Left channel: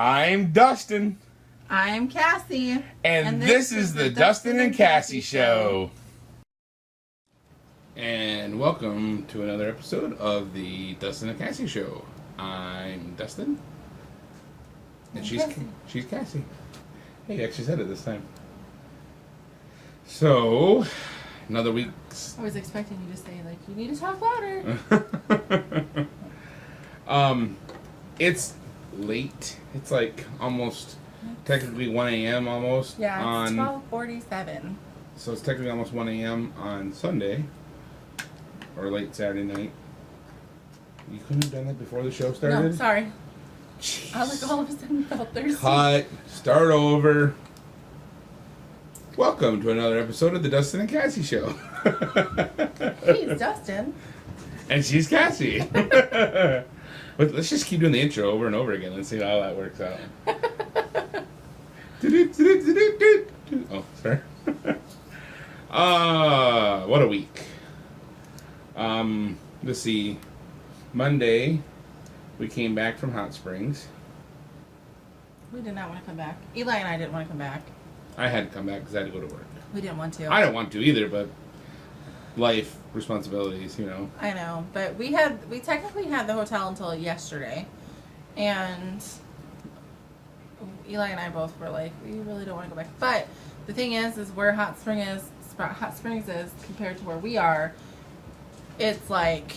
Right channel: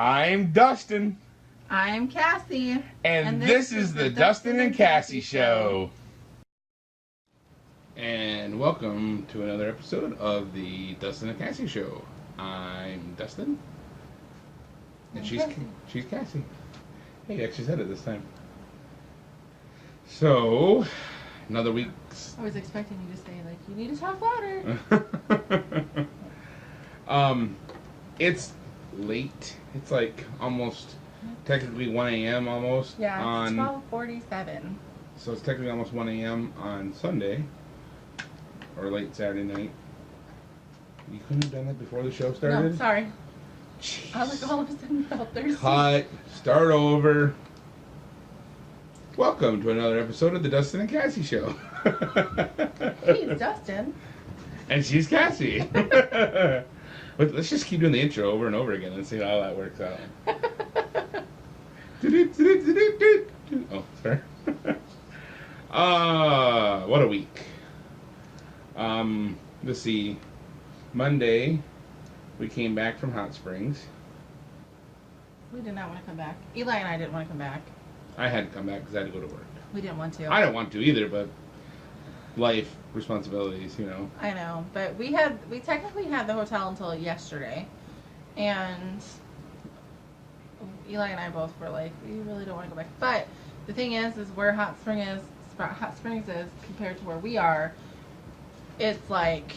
I'm Dustin. I'm Cassie. And this is the Dustin and Cassie Show. And welcome to another episode of the Dustin and Cassie Show. I'm Dustin. And she's Cassie. Hey, you actually said it this time. So, another week. I was expecting you to say, you need to talk louder. It's late. It's almost, technically 1 a.m. almost. Yeah, it's 12:47. So it's technically almost 1 a.m. on Sunday. Or late Saturday night. You couldn't have done that before the show started? No, sorry. Jeez. I all of a sudden felt thirsty. Cut. Start over. Welcome to another episode of the Dustin and Cassie Show. He's Dustin. And she's Cassie. Let's just keep doing the intro over and over again. Let's see how that works out. Oh, sorry. What a week. Let's see. Monday, we came back from Hot Springs. We did not want to come back. Eli and I didn't want to come back. I had to come back because I had to go to work. We didn't want to. I don't want to either, but life, responsibilities, I know, but we technically had the hotel until yesterday, and Eli and I both were like, we really don't want to go back. But the thing is where Hot Springs is compared to where we are, it's like,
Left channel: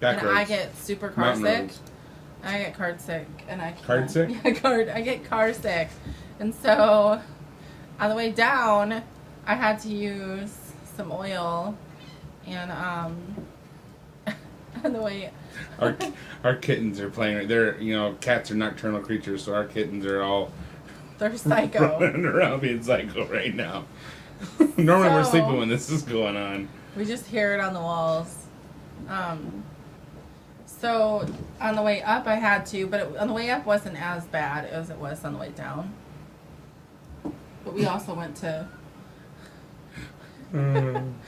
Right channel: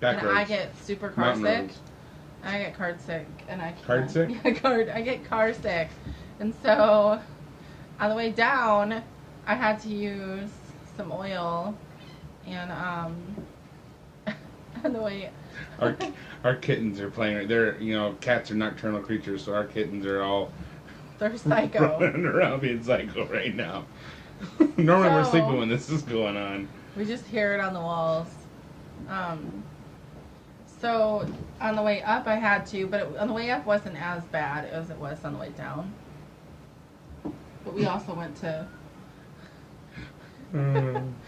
and I get super car sick. I get car sick, and I card sick. I get car sick, and so on the way down, I had to use some oil, and on the way. Our kittens are playing. They're cats are nocturnal creatures, so our kittens are all. They're psycho. Running around being psycho right now. Normally we're sleeping when this is going on. We just hear it on the walls. So on the way up I had to, but on the way up wasn't as bad as it was on the way down. But we also went to...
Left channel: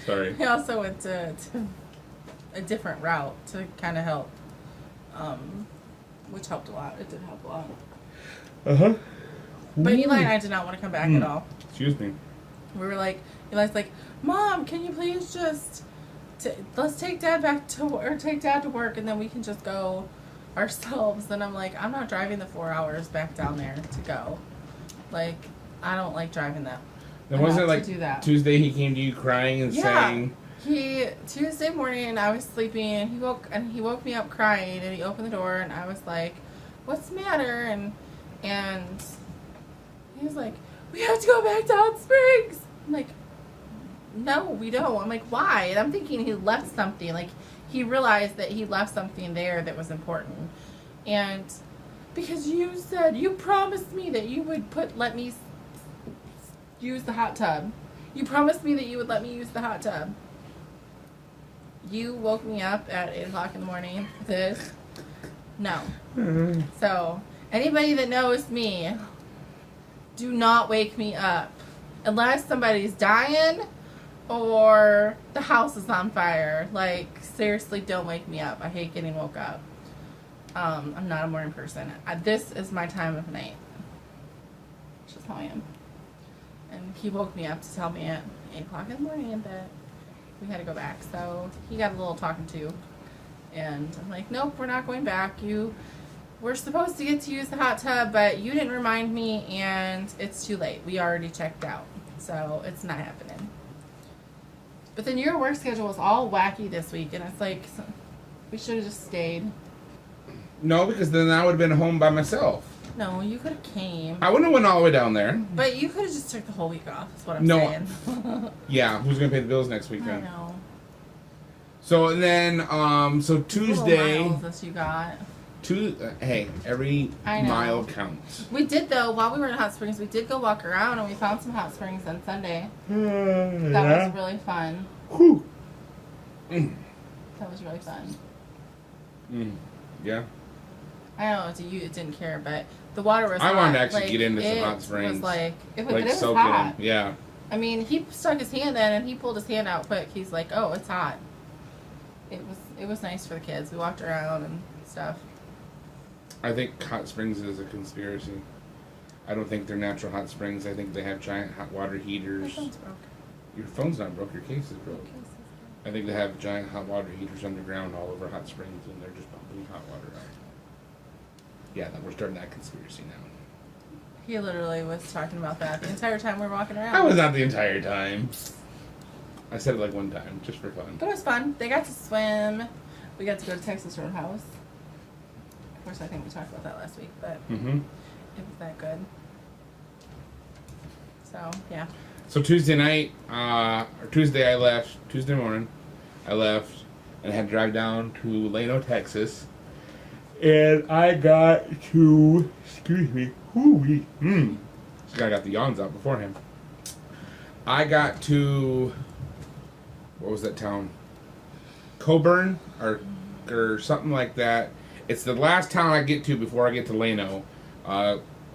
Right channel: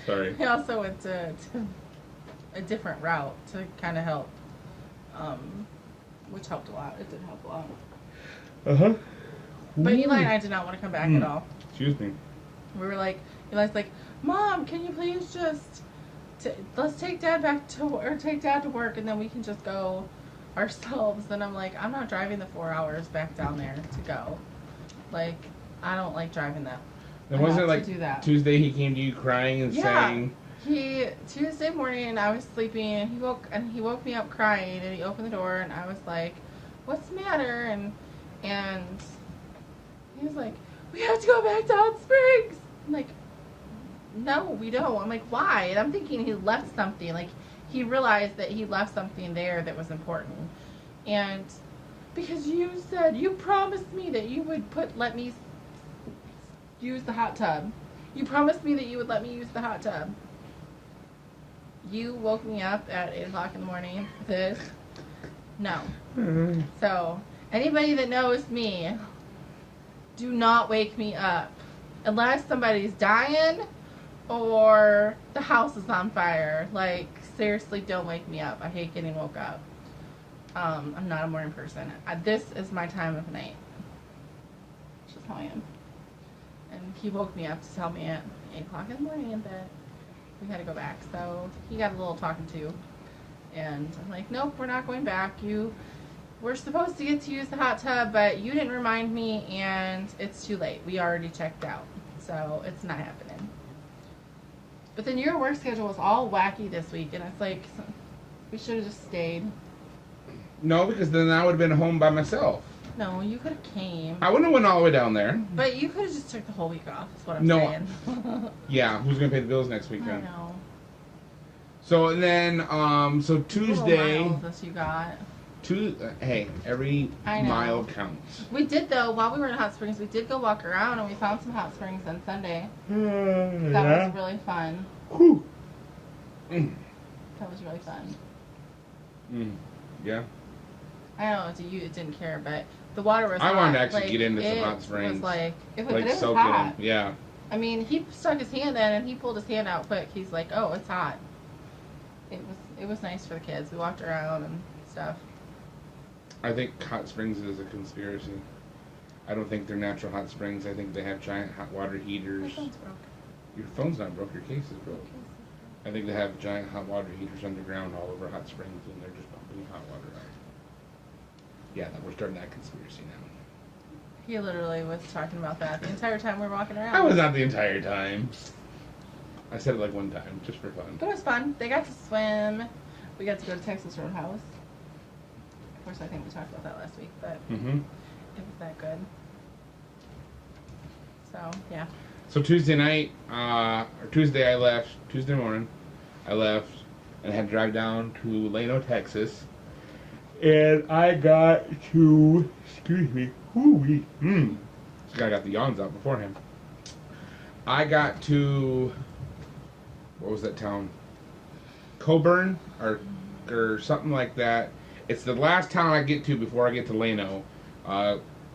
Sorry. We also went to a different route to kind of help, which helped a lot. It did help a lot. Uh-huh. But Eli and I did not want to come back at all. Excuse me. We were like, Eli's like, Mom, can you please just, let's take Dad take Dad to work, and then we can just go ourselves. And I'm like, I'm not driving the 4 hours back down there to go. I don't like driving that. Then wasn't it Tuesday he came to you crying and saying... Tuesday morning I was sleeping, and he woke me up crying, and he opened the door, and I was like, what's the matter? And he was like, we have to go back to Hot Springs. I'm like, no, we don't. I'm like, why? And I'm thinking he left something. He realized that he left something there that was important. And because you promised me that you would let me use the hot tub. You promised me that you would let me use the hot tub. You woke me up at 8 o'clock in the morning. No. Mm-hmm. So, anybody that knows me, do not wake me up. Unless somebody's dying or the house is on fire. Seriously, don't wake me up. I hate getting woke up. I'm not a morning person. This is my time of night. That's just how I am. And he woke me up to tell me at 8 o'clock in the morning that we had to go back. So he got a little talking to. And I'm like, nope, we're not going back. We're supposed to get to use the hot tub, but you didn't remind me, and it's too late. We already checked out. So it's not happening. But then your work schedule was all wacky this week, and it's like, we should have just stayed. No, because then I would have been home by myself. No, you could have came. I wouldn't have went all the way down there. But you could have just took the whole week off, is what I'm saying. Yeah, who's going to pay the bills next week then? I know. So then, so Tuesday... miles that you got. Hey, every mile counts. We did, though, while we were in Hot Springs, we did go walk around, and we found some hot springs on Sunday. That was really fun. Whew. That was really fun. Yeah. I know it didn't care, but the water was hot. I wanted to actually get into some hot springs. It was hot. Yeah. I mean, he stuck his hand in, and he pulled his hand out quick. He's like, oh, it's hot. It was nice for the kids. We walked around and stuff. I think hot springs is a conspiracy. I don't think they're natural hot springs. I think they have giant hot water heaters. My phone's broke. Your phone's not broke. Your case is broke. I think they have giant hot water heaters underground all over hot springs, and they're just pumping hot water out. Yeah, we're starting that conspiracy now. He literally was talking about that the entire time we were walking around. That was not the entire time. I said it like one time, just for fun. But it was fun. They got to swim. We got to go to Texas Roadhouse. Of course, I think we talked about that last week, but it was that good. So, yeah. So Tuesday night, or Tuesday morning, I left and I had to drive down to Lano, Texas. And I got to, excuse me, I got the yawns out beforehand. I got to, what was that town? Coburn or something like that. It's the last town I get to before I get to Lano.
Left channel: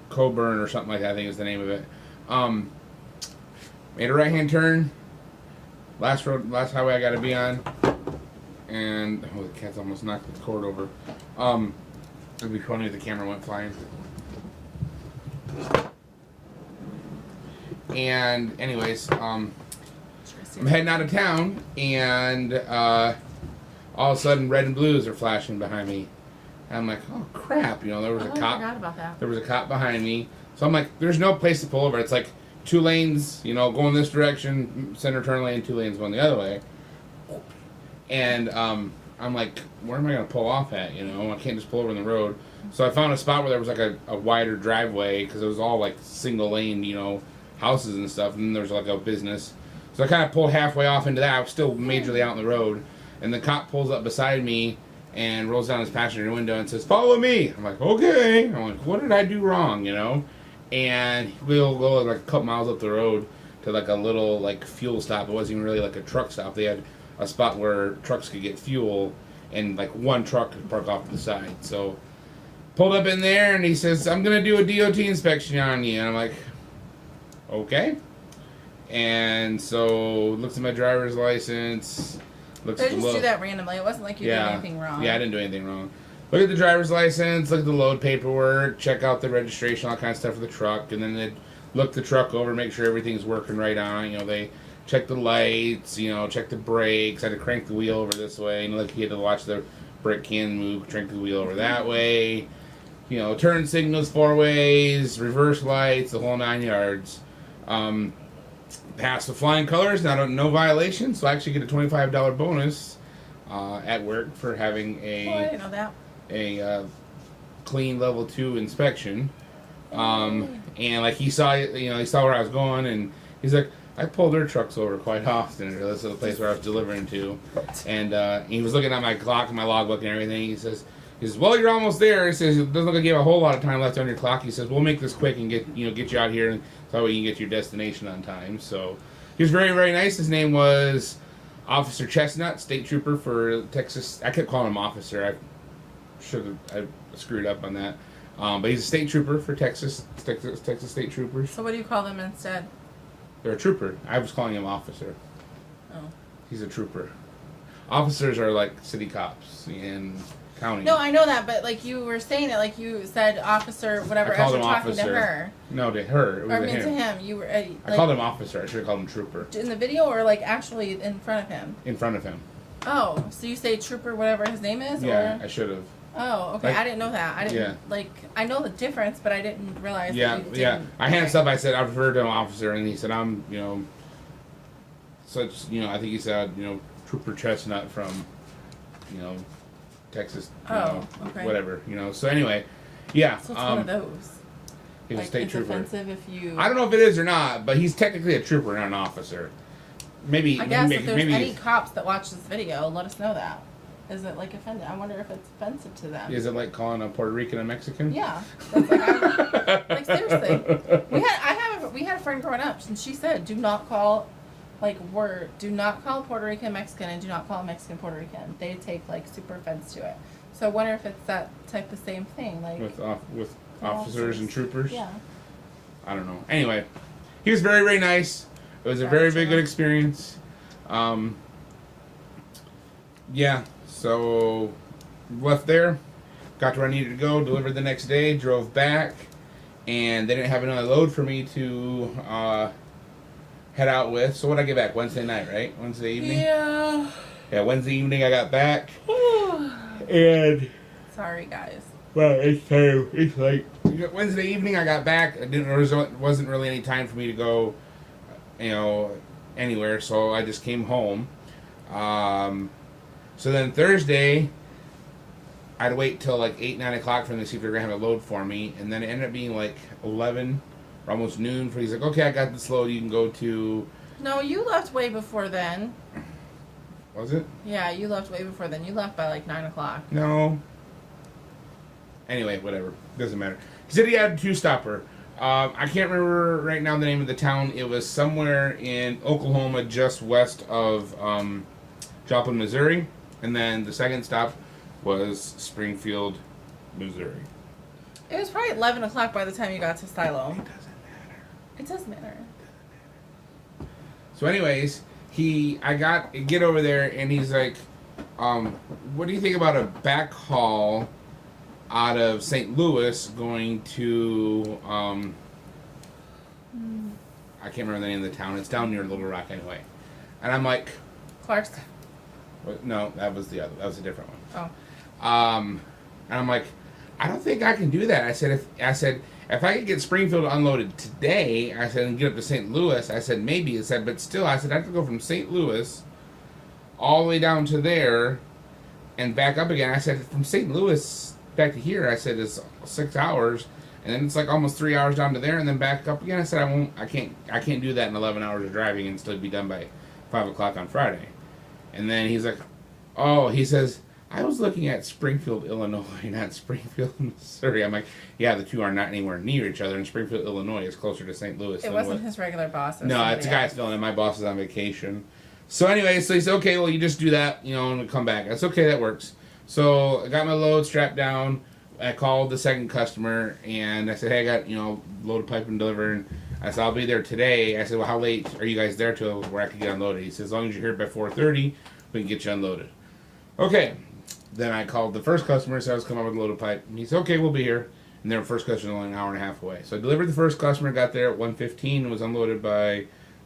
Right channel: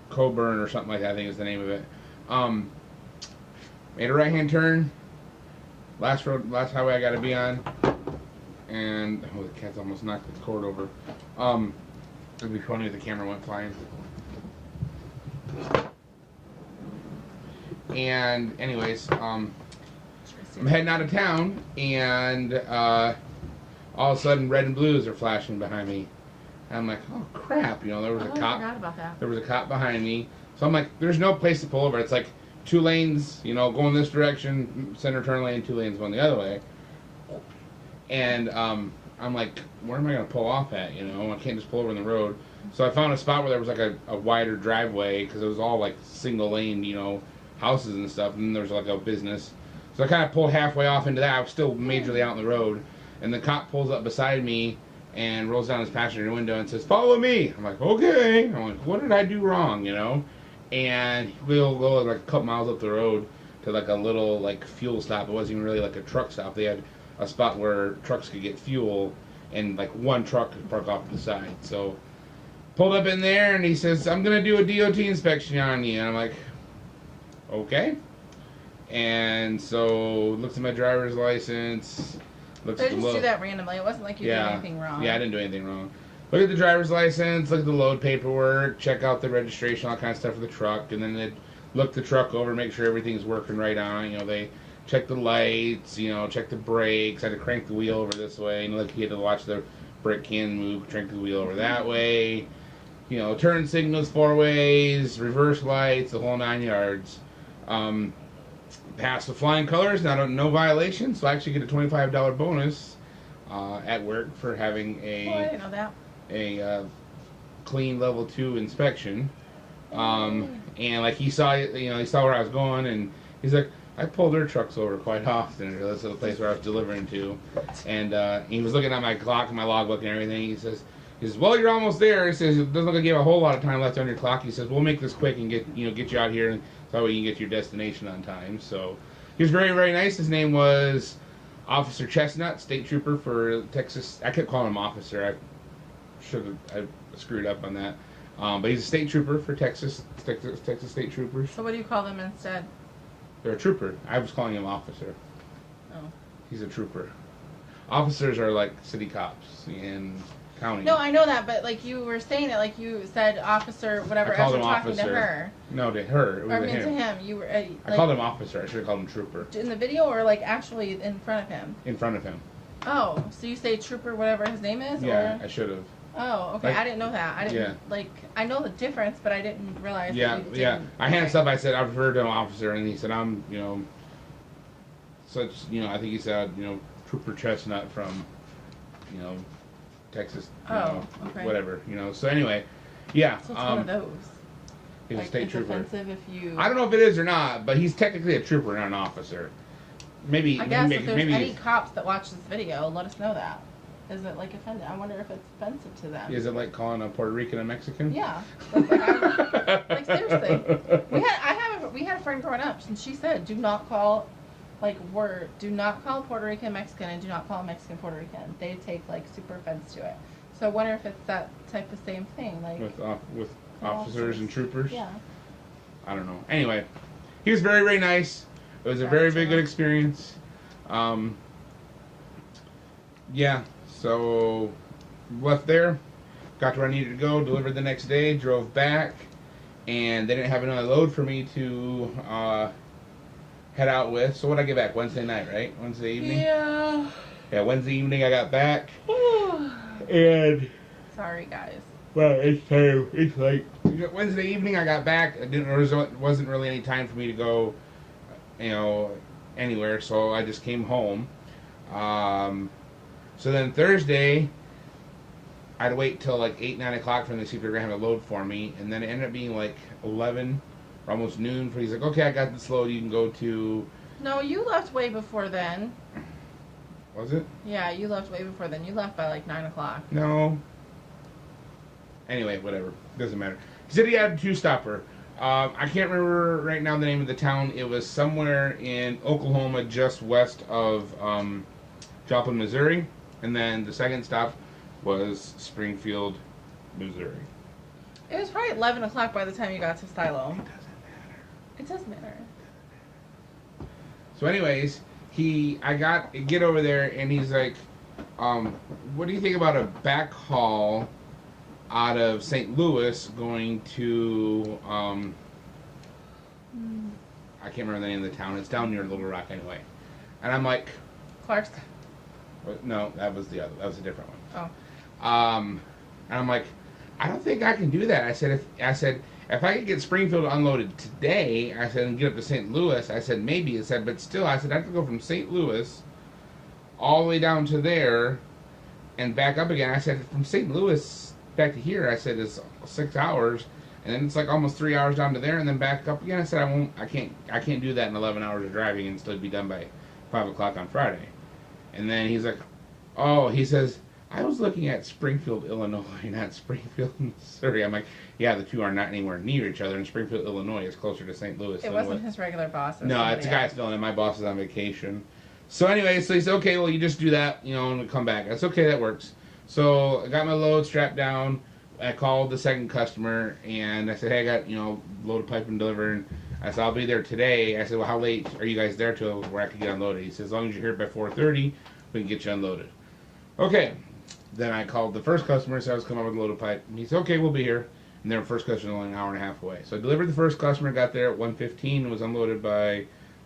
Coburn or something like that, I think is the name of it. Made a right-hand turn. Last highway I got to be on. And, oh, the cat's almost knocked the cord over. It'd be funny if the camera went flying. And, anyways, I'm heading out of town, and all of a sudden, red and blues are flashing behind me. And I'm like, oh crap! You know, there was a cop. I forgot about that. There was a cop behind me, so I'm like, there's no place to pull over. It's like 2 lanes, you know, going this direction, center turn lane, 2 lanes going the other way. And I'm like, where am I going to pull off at? You know, I can't just pull over in the road. So I found a spot where there was like a wider driveway because it was all like single lane, you know, houses and stuff. And then there was like a business. So I kind of pulled halfway off into that. I was still majorly out in the road. And the cop pulls up beside me and rolls down his passenger window and says, "Follow me." I'm like, okay. I'm like, what did I do wrong, you know? And we'll go like a couple miles up the road to like a little like fuel stop. It wasn't even really like a truck stop. They had a spot where trucks could get fuel, and like one truck could park off to the side. So pulled up in there, and he says, "I'm gonna do a DOT inspection on you." And I'm like, okay. And so looks at my driver's license. Looks They at the just do that randomly. It wasn't like you did anything wrong. Yeah, I didn't do anything wrong. Look at the driver's license, look at the load paperwork, check out the registration, all kind of stuff for the truck, and then they look the truck over, make sure everything's working right on it. You know, they check the lights, you know, check the brakes. I had to crank the wheel over this way, and look, you had to watch the brake can move, crank the wheel over that way. You know, turn signals 4 ways, reverse lights, the whole 9 yards. Passed the flying colors, no violation, so I actually get a $25 bonus at work for having Oh, I didn't know that. a clean level 2 inspection. And like he saw where I was going, and he's like, I pulled their trucks over quite often. This is the place where I was delivering to, and he was looking at my clock and my logbook and everything. He says, well, you're almost there. He says, it doesn't look like you have a whole lot of time left on your clock. He says, we'll make this quick and get you out here, and so that way you can get to your destination on time. So he was very, very nice. His name was Officer Chestnut, state trooper for Texas. I kept calling him officer. I screwed up on that. But he's a state trooper for Texas state troopers. So what do you call them instead? They're a trooper. I was calling him officer. Oh. He's a trooper. Officers are like city cops in county. No, I know that, but like you were saying it, like you said, officer, whatever. I called as him you're talking officer. to her. No, to her. It was Or I mean him. to him. You were. I called him officer. I should have called him trooper. In the video, or like actually in front of him? In front of him. Oh, so you say trooper, whatever his name is? Yeah, Or? I should have. Oh, okay. Like, I didn't know that. I didn't I know the difference, but I didn't realize. Yeah, that you yeah. didn't. I handed stuff. I said I referred to him officer, and he said I'm, such, I think he said, Trooper Chestnut from, Texas. Okay. Whatever, So anyway, yeah. So it's one of those. He's like, a state it's trooper. offensive if you. I don't know if it is or not, but he's technically a trooper, not an officer. Maybe. I guess maybe, if there's maybe any cops that watch this video, let us know that. Is it like offended? I wonder if it's offensive to them. Is it like calling a Puerto Rican a Mexican? Yeah. That's like seriously. We had a friend growing up, and she said, do not call Puerto Rican Mexican, and do not call a Mexican Puerto Rican. They take like super offense to it. So I wonder if it's that type of same thing, like with officers and troopers. Yeah. I don't know. Anyway, he was very, very nice. It was a very, very good experience. Yeah. So left there. got to where I needed to go, delivered the next day, drove back, and they didn't have another load for me to head out with. So what did I get back? Wednesday night, right? Wednesday evening? Yeah. Yeah, Wednesday evening I got back. And sorry, guys. well, it's late. Wednesday evening I got back. There wasn't really any time for me to go, anywhere. So I just came home. So then Thursday, I'd wait till like 8, 9 o'clock for them to see if they're gonna have a load for me, and then it ended up being like 11, or almost noon. For he's like, okay, I got this load. You can go to. No, you left way before then. Was it? Yeah, you left way before then. You left by like 9 o'clock. No. Anyway, whatever. Doesn't matter. He said he had a 2-stopper. I can't remember right now the name of the town. It was somewhere in Oklahoma, just west of Joplin, Missouri. And then the second stop was Springfield, Missouri. It was probably 11 o'clock by the time you got to Silo. It does matter. So anyways, I get over there and he's like, what do you think about a back haul out of St. Louis going to, I can't remember the name of the town. It's down near Little Rock anyway. And I'm like, Clark's? no, that was a different one. Oh. And I'm like, I don't think I can do that. I said, if I could get Springfield unloaded today, I said, and get up to St. Louis, I said, maybe. I said, but still, I said, I have to go from St. Louis all the way down to there and back up again. I said, from St. Louis back to here, I said, it's 6 hours, and then it's like almost 3 hours down to there and then back up again. I said, I can't do that in 11 hours of driving and still be done by 5 o'clock on Friday. And then he's like, oh, he says, I was looking at Springfield, Illinois, not Springfield, Missouri. I'm like, yeah, the two are not anywhere near each other, and Springfield, Illinois is closer to St. Louis. It wasn't his regular boss. No, it's a guy's filling in. My boss is on vacation. So anyway, so he said, okay, well, you just do that, and we'll come back. That's okay, that works. So I got my load strapped down. I called the second customer, and I said, hey, I got, load of pipe and deliver. And I said, I'll be there today. I said, well, how late are you guys there till where I can get unloaded? He said, as long as you're here by 4:30, we can get you unloaded. Okay. Then I called the first customer, so I was coming up with a load of pipe. And he said, okay, we'll be here. And their first customer was only an hour and a half away. So I delivered the first customer, got there at 1:15, and was unloaded by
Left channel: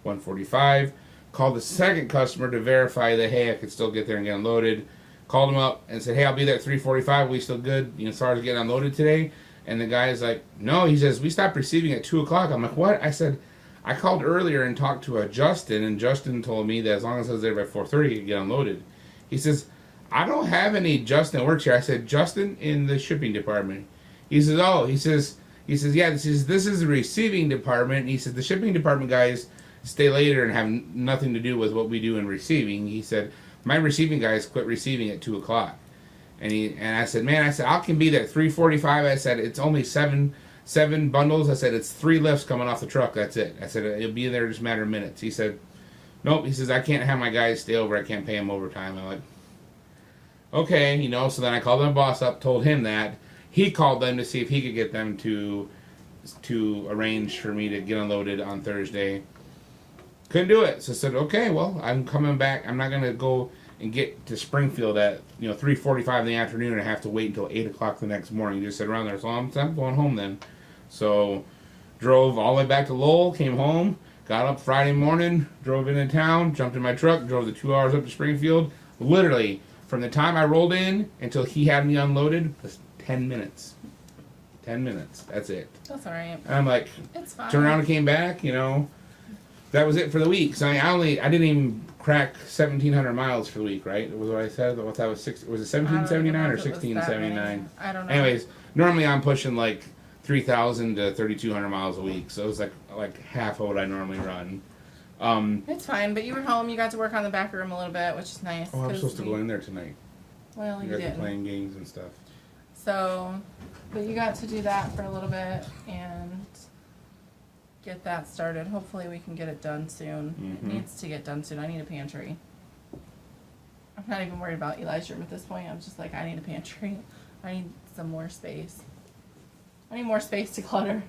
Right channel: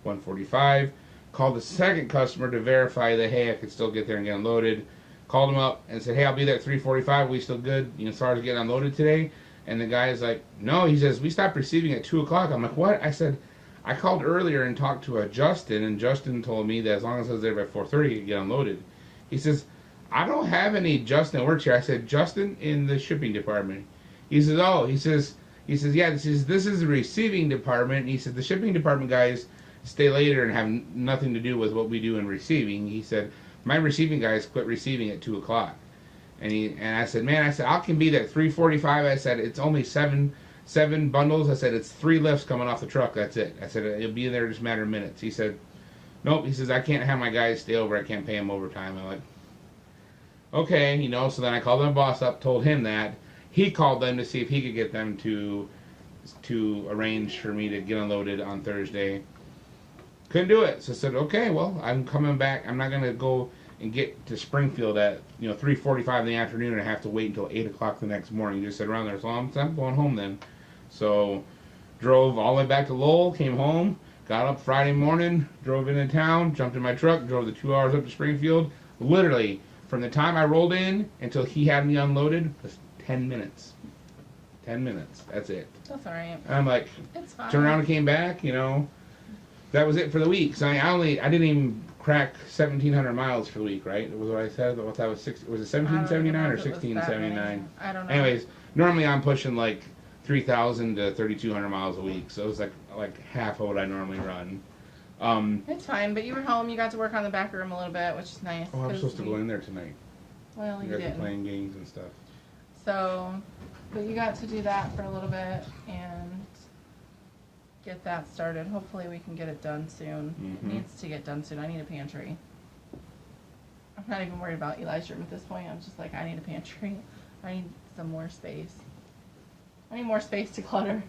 1:45. Called the second customer to verify that, hey, I could still get there and get unloaded. Called him up and said, hey, I'll be there at 3:45. We still good, as far as getting unloaded today? And the guy's like, no. He says, we stopped receiving at 2 o'clock. I'm like, what? I said, I called earlier and talked to Justin, and Justin told me that as long as I was there by 4:30, he could get unloaded. He says, I don't have any Justin that works here. I said, Justin in the shipping department. He says, oh, he says, yeah, this is the receiving department. And he said, the shipping department guys stay later and have nothing to do with what we do in receiving. He said, my receiving guys quit receiving at 2 o'clock. And I said, man, I can be there at 3:45. I said, it's only seven bundles. I said, it's 3 lifts coming off the truck. That's it. I said, it'll be there just a matter of minutes. He said, nope. He says, I can't have my guys stay over. I can't pay them overtime. I'm like, okay, so then I called my boss up, told him that. He called them to see if he could get them to arrange for me to get unloaded on Thursday. Couldn't do it. So I said, okay, well, I'm coming back. I'm not going to go and get to Springfield at 3:45 in the afternoon and have to wait until 8 o'clock the next morning. Just sit around there. So I'm going home then. So drove all the way back to Lowell, came home, got up Friday morning, drove into town, jumped in my truck, drove the 2 hours up to Springfield. Literally, from the time I rolled in until he had me unloaded was 10 minutes. 10 minutes. That's it. That's all right. And I'm like, it's fine. Turned around and came back, That was it for the week. So I didn't even crack 1,700 miles for the week, right? Was what I said? That was was it 1,779 or 1,679? I don't know. Anyways, normally I'm pushing like 3,000 to 3,200 miles a week. So it was like half of what I normally run. It's fine, but you were home. You got to work on the back room a little bit, which is nice. Oh, I'm supposed to go in there tonight. Well, you guys are didn't. playing games and stuff. So, but you got to do that for a little bit and get that started. Hopefully we can get it done soon. Mm-hmm. It needs to get done soon. I need a pantry. I'm not even worried about Eli's room at this point. I'm just like, I need a pantry. I need some more space. I need more space to clutter.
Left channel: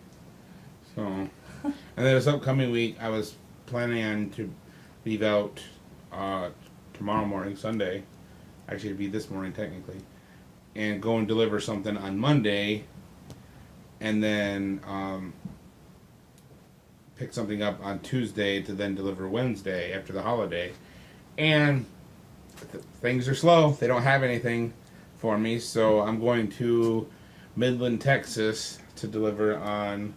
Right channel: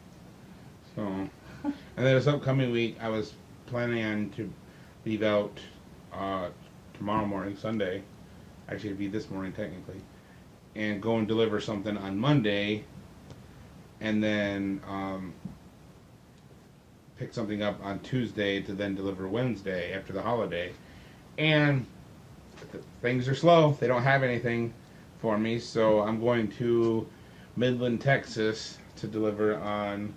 So, and then this upcoming week, I was planning on to leave out tomorrow morning, Sunday. Actually, it'd be this morning technically, and go and deliver something on Monday, and then pick something up on Tuesday to then deliver Wednesday after the holiday. And things are slow. They don't have anything for me, so I'm going to Midland, Texas to deliver on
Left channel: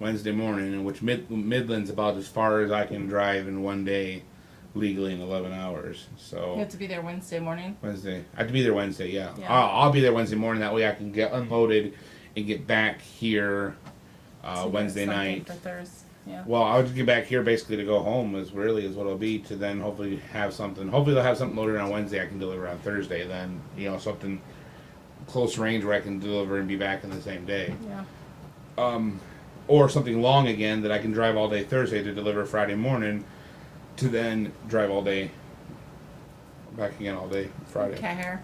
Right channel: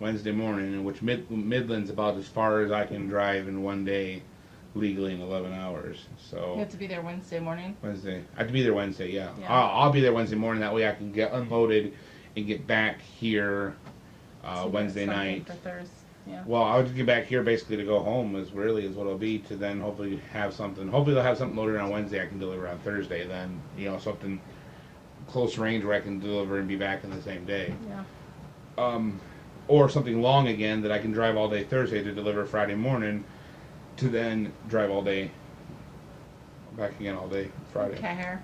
Wednesday morning, in which Midland's about as far as I can drive in one day legally in 11 hours. So You have to be there Wednesday morning. Wednesday. I have to be there Wednesday, yeah. Yeah. I'll be there Wednesday morning. That way I can get unloaded and get back here So Wednesday something night. For Thursday. Yeah. Well, I'll just get back here basically to go home is what it'll be, to then hopefully have something. Hopefully they'll have something loaded on Wednesday I can deliver on Thursday. Then, something close range where I can deliver and be back in the same day. Yeah. Or something long again that I can drive all day Thursday to deliver Friday morning, to then drive all day, back again all day Friday. Cat hair.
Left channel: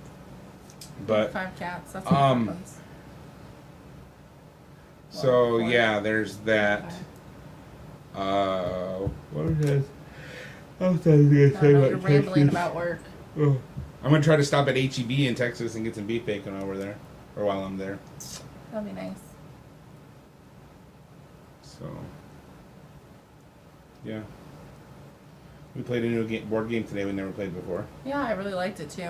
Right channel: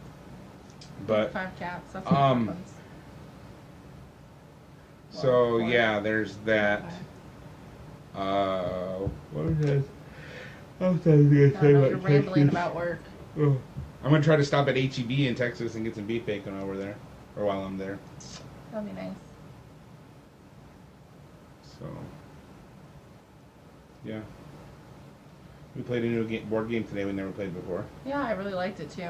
But 5 cats. That's what happens. so Well, yeah, there's that. What is this? I was going to say You're rambling about work. Oh. I'm gonna try to stop at HEB in Texas and get some beef bacon while we're there, or while I'm there. That'd be nice. So, yeah. We played a new board game today we never played before. Yeah, I really liked it too.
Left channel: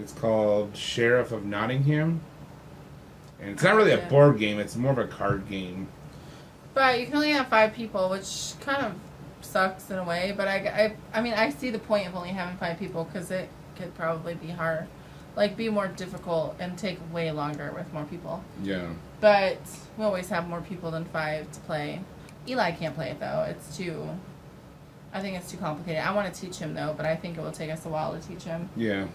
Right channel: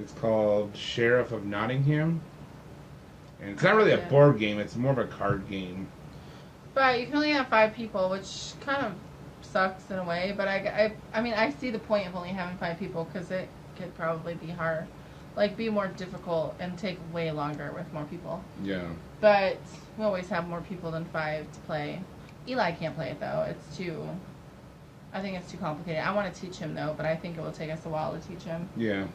It's called Sheriff of Nottingham. And it's not really a board game, it's more of a card game. But you can only have 5 people, which kind of sucks in a way. But I mean, I see the point of only having 5 people because it could probably be hard. Like, be more difficult and take way longer with more people. Yeah. But we always have more people than 5 to play. Eli can't play it, though. I think it's too complicated. I want to teach him, though, but I think it will take us a while to teach him. Yeah.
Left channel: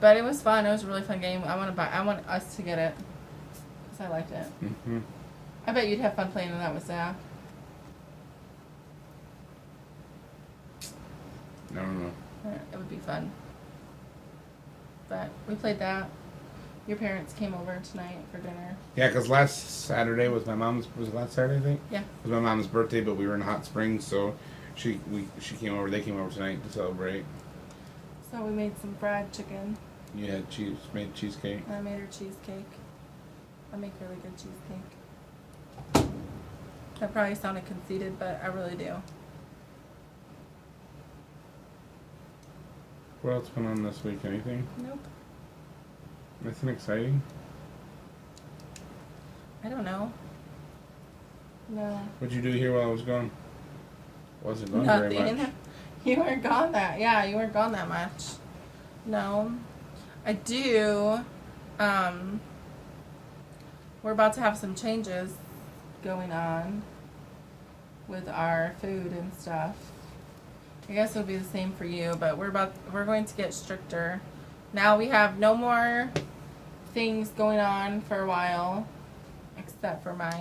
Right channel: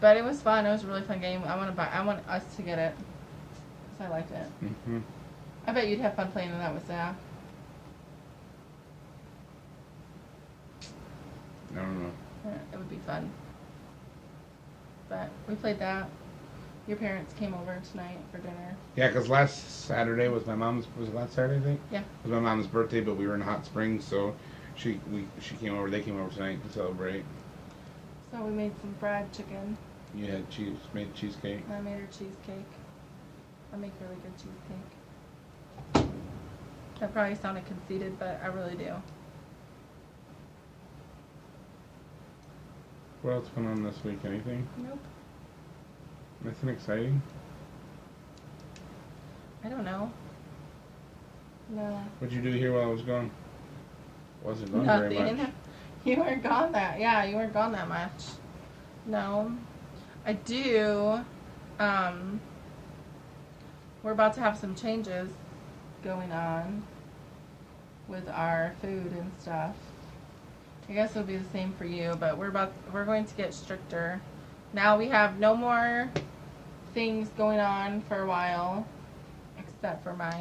But it was fun. It was a really fun game. I want us to get it. Because I liked it. Mm-hmm. I bet you'd have fun playing that with Zach. I don't know. It would be fun. But we played that. Your parents came over tonight for dinner. Yeah, because last Saturday was my mom's. Was it last Saturday? I think. Yeah. It was my mom's birthday, but we were in Hot Springs, so she came over. They came over tonight to celebrate. So we made some fried chicken. You had made cheesecake. I made her cheesecake. I make really good cheesecake. That probably sounded conceited, but I really do. What else went on this week? Anything? Nope. Nothing exciting? I don't know. No. What'd you do here while I was gone? Wasn't gone Nothing. very much. You weren't gone that. Yeah, you weren't gone that much. No. I do. We're about to have some changes going on with our food and stuff. I guess it'll be the same for you, but we're going to get stricter. Now we have no more things going on for a while, except for my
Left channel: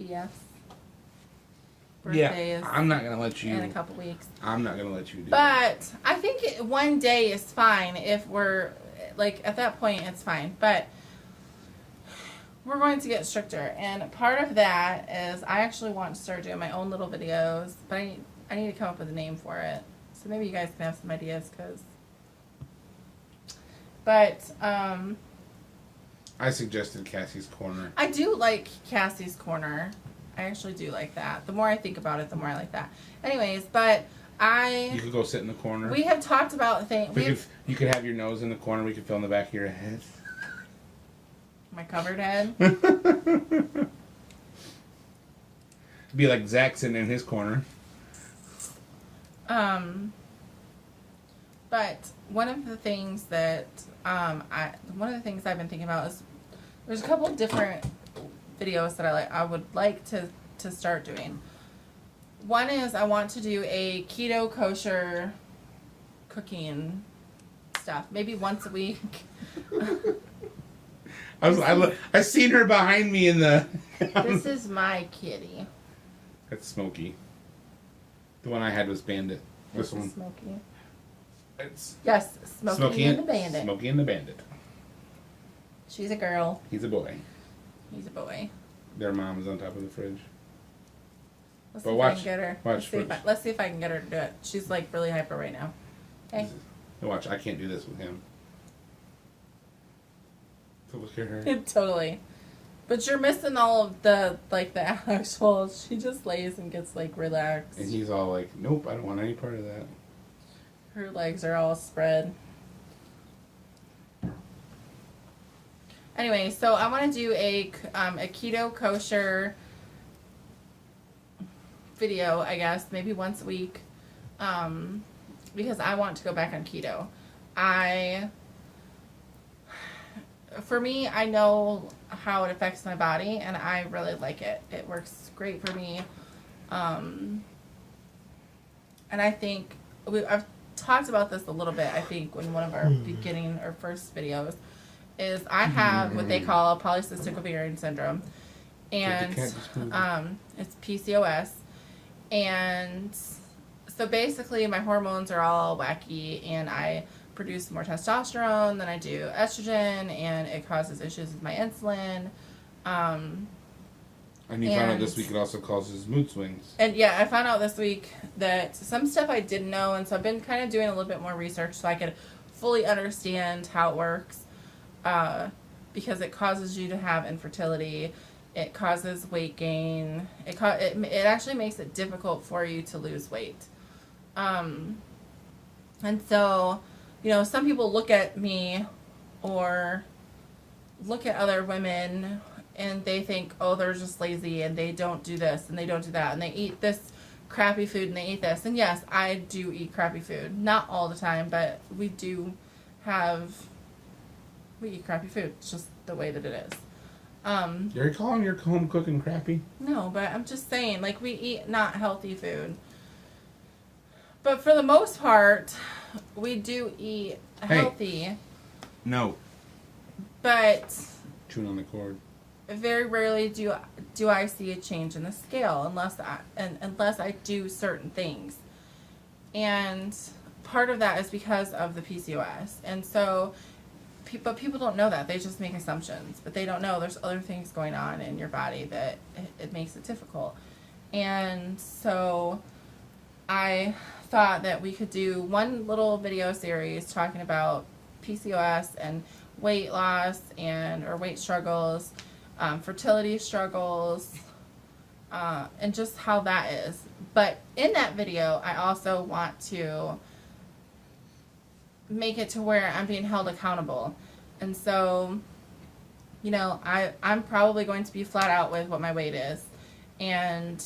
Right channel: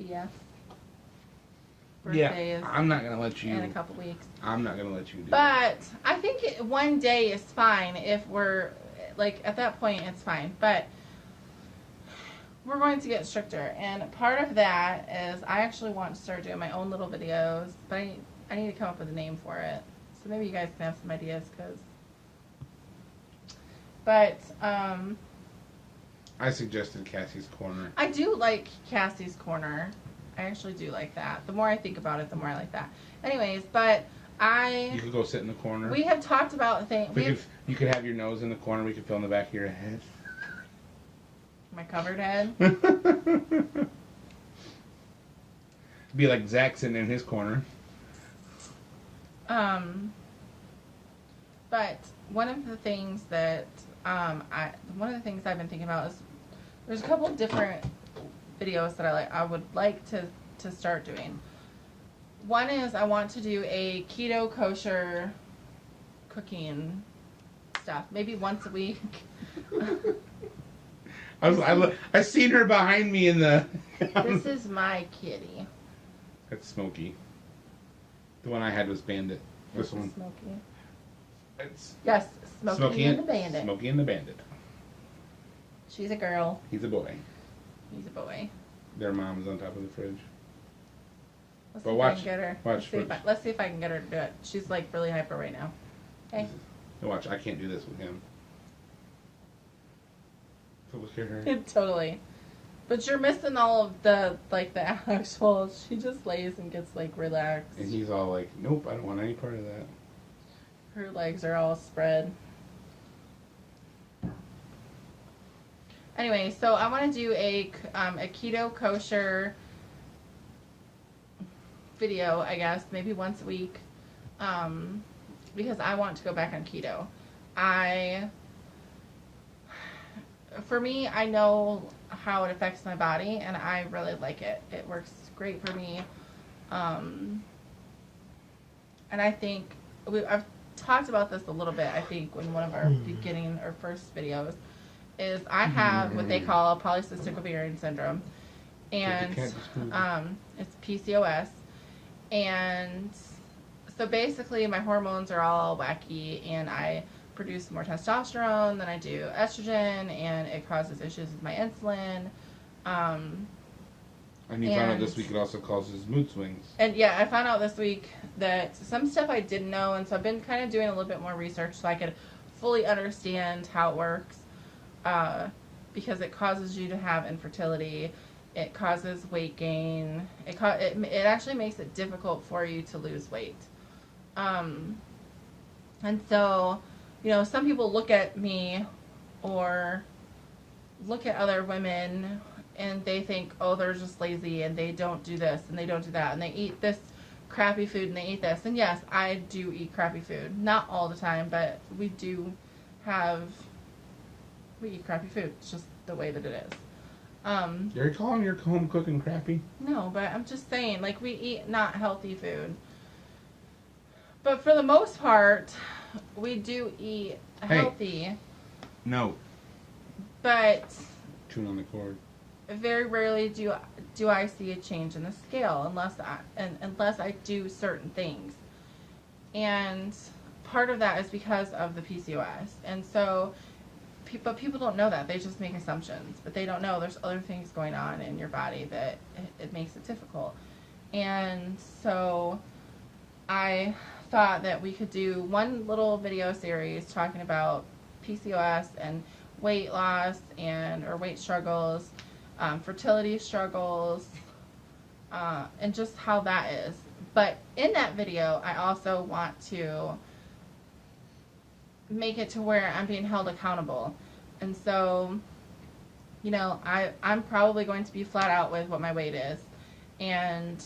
BF's birthday is I'm not gonna let you. in a couple weeks. I'm not gonna let you do. But I think one day is fine if we're like at that point it's fine. But we're going to get stricter, and part of that is I actually want to start doing my own little videos, but I need to come up with a name for it. So maybe you guys can have some ideas, But I suggested Cassie's Corner. I do like Cassie's Corner. I actually do like that. The more I think about it, the more I like that. Anyways, but You could go sit in the corner. we have talked about things. You could have your nose in the corner. We could fill in the back of your head. My covered head. Be like Zach sitting in his corner. But one of the things that I've been thinking about is there's a couple of different videos that I would like to start doing. One is I want to do a keto kosher cooking stuff, maybe once a week. I seen her behind me in the. This is my kitty. That's Smokey. The one I had was Bandit. This This one. is Smokey. It's Yes, Smokey and the Bandit. Smokey and the Bandit. She's a girl. He's a boy. He's a boy. Their mom is on top of the fridge. Let's But see if I watch- can get her. watch fridge. Let's see if I can get her to do it. She's like really hyper right now. Okay. Watch, I can't do this with him. to look at her. Totally. But you're missing all of the actual, she just lays and gets, relaxed. And he's all like, nope, I don't want any part of that. Her legs are all spread. Anyway, so I want to do a keto kosher video, I guess, maybe once a week, because I want to go back on keto. For me, I know how it affects my body, and I really like it. It works great for me. And I think I've talked about this a little bit, I think, in one of our beginning or first videos, is I have what they call polycystic ovarian syndrome. And it's PCOS. And so basically my hormones are all wacky, and I produce more testosterone than I do estrogen, and it causes issues with my insulin. And you found out this week it also causes mood swings. And yeah, I found out this week that some stuff I didn't know, and so I've been kind of doing a little bit more research so I could fully understand how it works, because it causes you to have infertility. It causes weight gain. It actually makes it difficult for you to lose weight. And so, some people look at me or look at other women and they think, oh, they're just lazy and they don't do this and they don't do that and they eat this crappy food and they eat this. And yes, I do eat crappy food. Not all the time, but we eat crappy food. It's just the way that it is. You're calling your home cooking crappy? No, but I'm just saying, we eat not healthy food. But for the most part, we do eat healthy. No. But chewing on the cord. Very rarely do I see a change in the scale unless I do certain things. And part of that is because of the PCOS. And so, but people don't know that. They just make assumptions. But they don't know there's other things going on in your body that it makes it difficult. And so I thought that we could do one little video series talking about PCOS and weight loss or weight struggles, fertility struggles, and just how that is. But in that video, I also want to make it to where I'm being held accountable. And so, I'm probably going to be flat out with what my weight is, and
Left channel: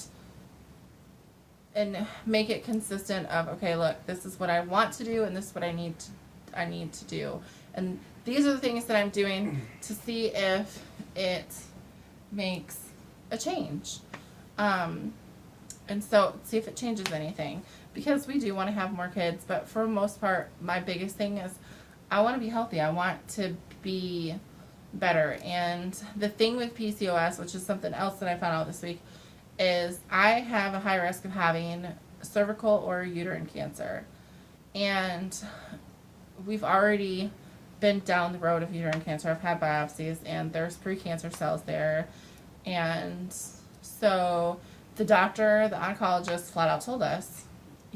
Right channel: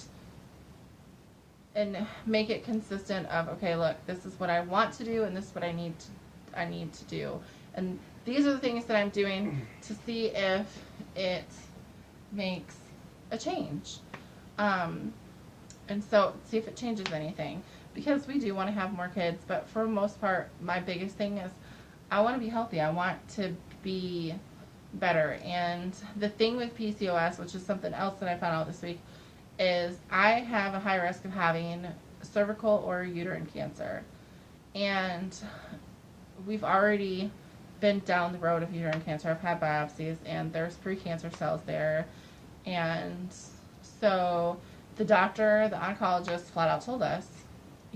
make it consistent of, okay, look, this is what I want to do and this is what I need to do. And these are the things that I'm doing to see if it makes a change. And so see if it changes anything. Because we do want to have more kids, but for the most part, my biggest thing is I want to be healthy. I want to be better. And the thing with PCOS, which is something else that I found out this week, is I have a high risk of having cervical or uterine cancer. And we've already been down the road of uterine cancer. I've had biopsies, and there's precancer cells there. And so the doctor, the oncologist, flat out told us,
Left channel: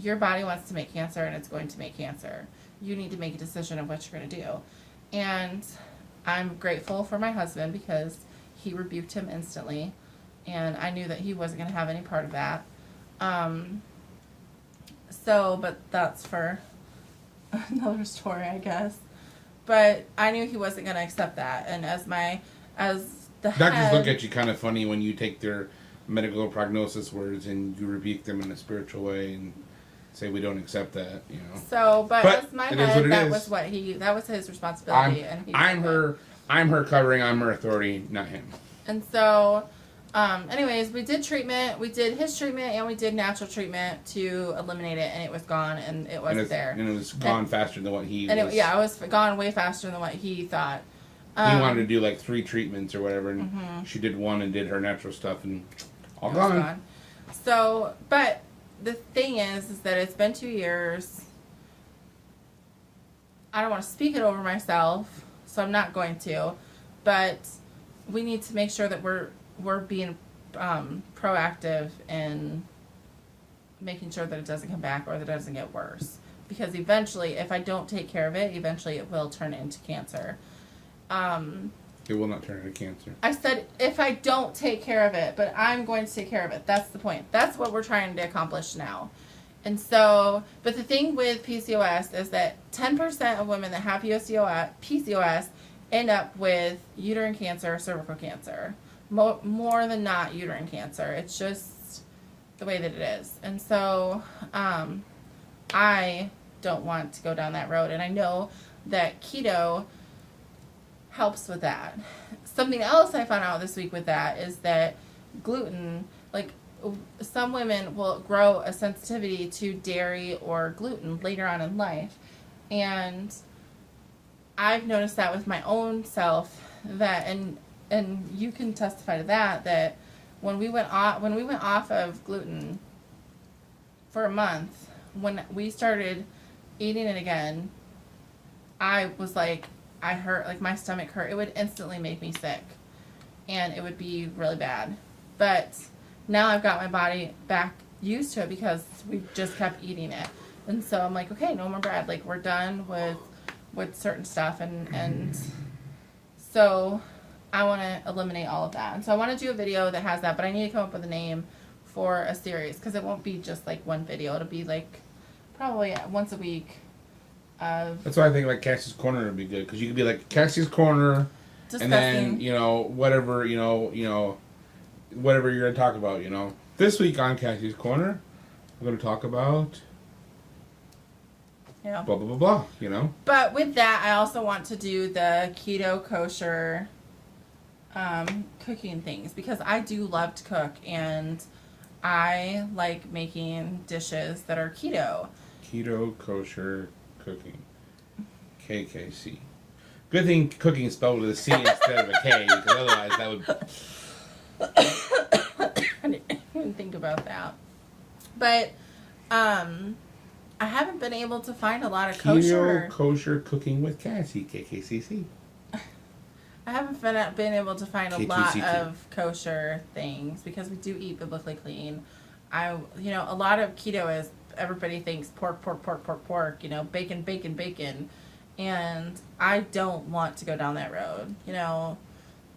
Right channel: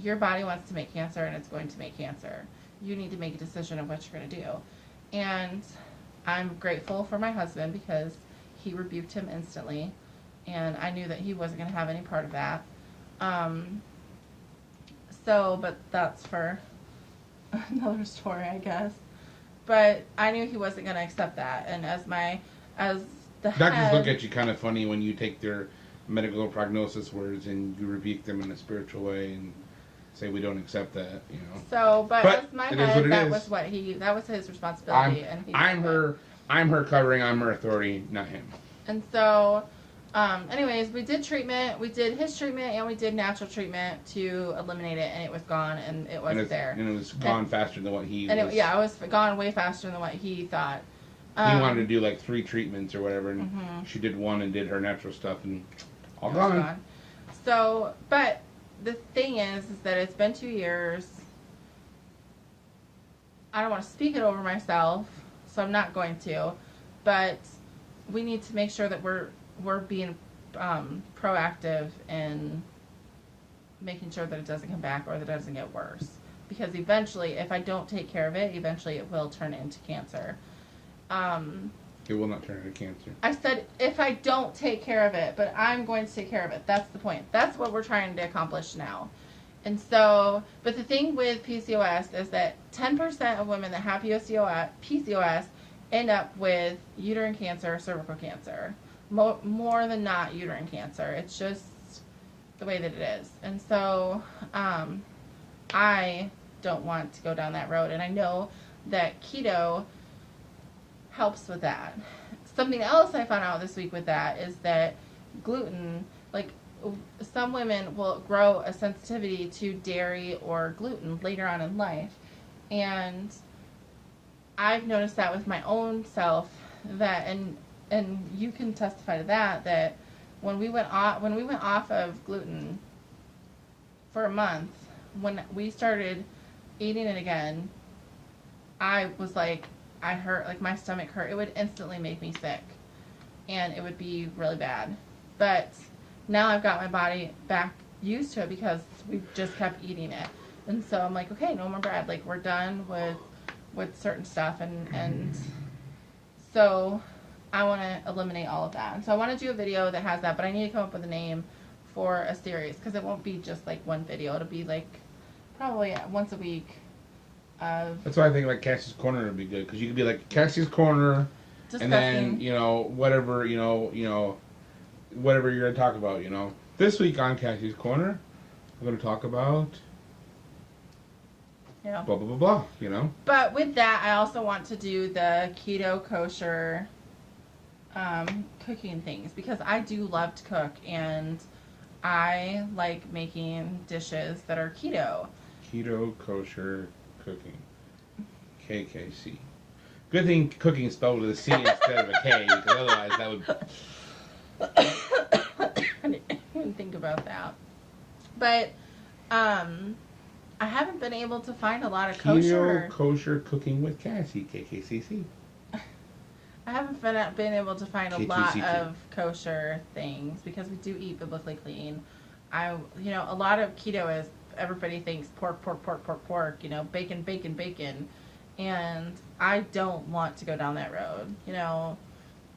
your body wants to make cancer, and it's going to make cancer. You need to make a decision of what you're going to do. And I'm grateful for my husband because he rebuked him instantly, and I knew that he wasn't going to have any part of that. But that's for another story, I guess. But I knew he wasn't going to accept that, and as the Doctors head, look at you kind of funny when you take their medical prognosis words and you rebuke them in a spiritual way and say we don't accept that, So, but as my it is head, what it that is. that was his responsibility, and he I'm her covering, I'm her authority, not him. And so, anyways, we did treatment. We did his treatment, and we did natural treatment to eliminate it, and it was gone, and it wasn't there. And it was gone faster than what he was. It was gone way faster than what he thought. He wanted to do like 3 treatments or whatever, and she did 1 and did her natural stuff, and all gone. So, but the thing is that it's been 2 years. I don't want to speak it over myself, so I'm not going to. But we need to make sure that we're being proactive in making sure that it doesn't come back or that it doesn't get worse. Because eventually, if I don't take care of it, eventually it will turn into cancer. It will not turn into cancer. I said if I don't take care of it, but I'm going to take care of it. That's the point. That's what we're trying to accomplish now. And so, but the thing with PCOS is that 10% of women that have PCOS end up with uterine cancer or cervical cancer. More than not uterine cancer. It's just the way that it is. And so, I don't want to go down that road. And I know that keto helps with that. Something else I found out this week with that is that gluten, like some women will grow a sensitivity to dairy or gluten later on in life. And I've noticed that with my own self, that and you can testify to that when we went off of gluten for a month, when we started eating it again, I was like, I hurt, like my stomach hurt. It would instantly make me sick, and it would be really bad. But now I've got my body back used to it because we just kept eating it. And so I'm like, okay, no more bread. Like, we're done with certain stuff. And so I want to eliminate all of that. And so I want to do a video that has that, but I need to come up with a name for a series because it won't be just like one video. It'll be like probably once a week. That's why I think like Cassie's Corner would be good, because you could be like Cassie's Corner, discussing. and then whatever whatever you're gonna talk about. This week on Cassie's Corner, we're gonna talk about blah blah blah blah. But with that, I also want to do the keto kosher cooking things, because I do love to cook and I like making dishes that are keto. Keto kosher cooking. KKC. Good thing cooking is spelled with a C instead of a K, because otherwise that would... I didn't think about that. But I haven't been able to find a lot of Keto kosher cooking with Cassie, KKCC. I haven't been able to find a lot of kosher things because we do eat biblically clean. A lot of keto is everybody thinks pork, bacon, and I don't want to go down that road.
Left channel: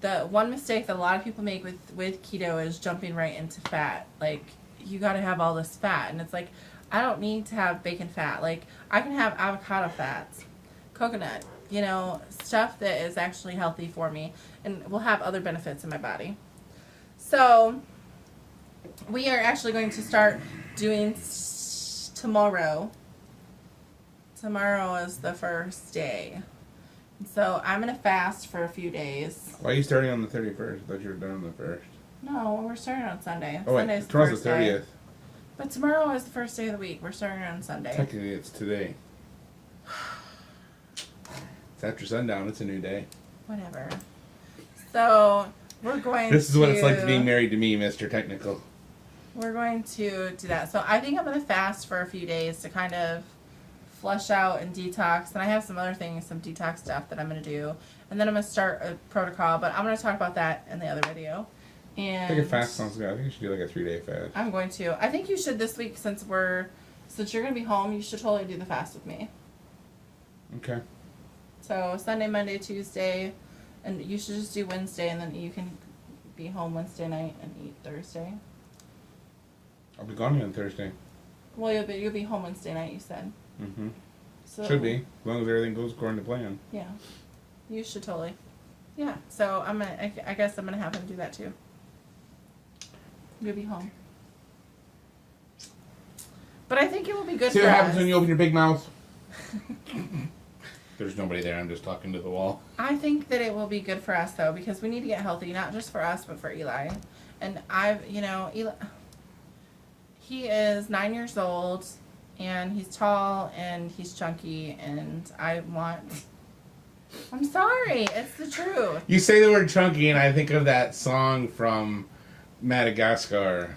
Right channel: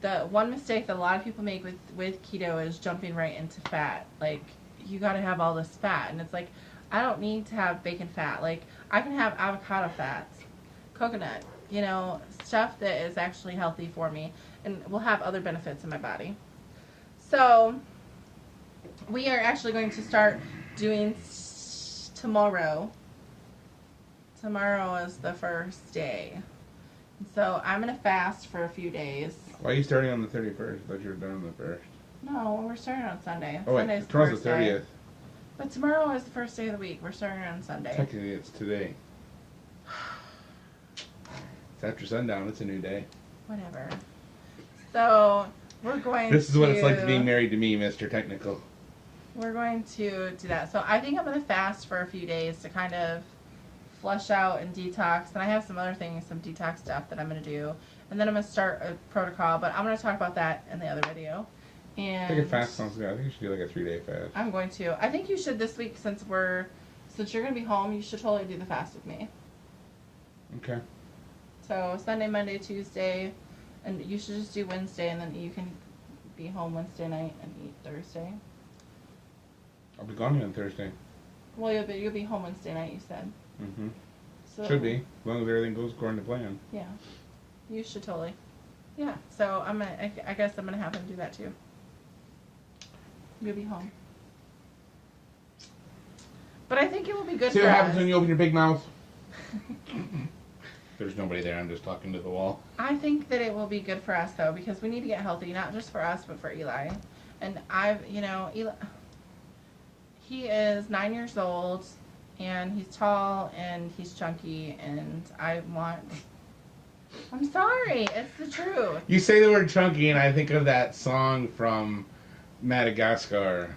The one mistake that a lot of people make with keto is jumping right into fat. Like, you got to have all this fat, and it's like, I don't need to have bacon fat. Like, I can have avocado fats, coconut, stuff that is actually healthy for me and will have other benefits in my body. So we are actually going to start doing tomorrow. Tomorrow is the first day. So I'm going to fast for a few days. Why are you starting on the 31st? I thought you were done on the 1st. No, we're starting on Sunday. Oh, wait, Sunday's tomorrow's the 30th. Day. But tomorrow is the first day of the week. We're starting on Sunday. Technically, it's today. It's after sundown. It's a new day. Whatever. So we're going This is what it's like to be married to me, Mr. Technical. We're going to do that. So I think I'm going to fast for a few days to kind of flush out and detox. And I have some other things, some detox stuff that I'm going to do. And then I'm going to start a protocol. But I'm going to talk about that in the other video. And I think a fast sounds good. I think you should do like a 3-day fast. I'm going to. I think you should this week, since you're going to be home, you should totally do the fast with me. Okay. So Sunday, Monday, Tuesday, and you should just do Wednesday, and then you can be home Wednesday night and eat Thursday. I'll be gone on Thursday. Well, you'll be home Wednesday night, you said. Mm-hmm. So, should be, as long as everything goes according to plan. Yeah, you should totally. Yeah, so I guess I'm gonna have him do that too. You'll be home. But I think it will be good See for what us. happens when you open your big mouth? There's nobody there. I'm just talking to the wall. I think that it will be good for us, though, because we need to get healthy, not just for us, but for Eli. And Eli, he is 9 years old, and he's tall, and he's chunky, and I'm sorry, it's the truth. You say the word chunky, and I think of that song from Madagascar.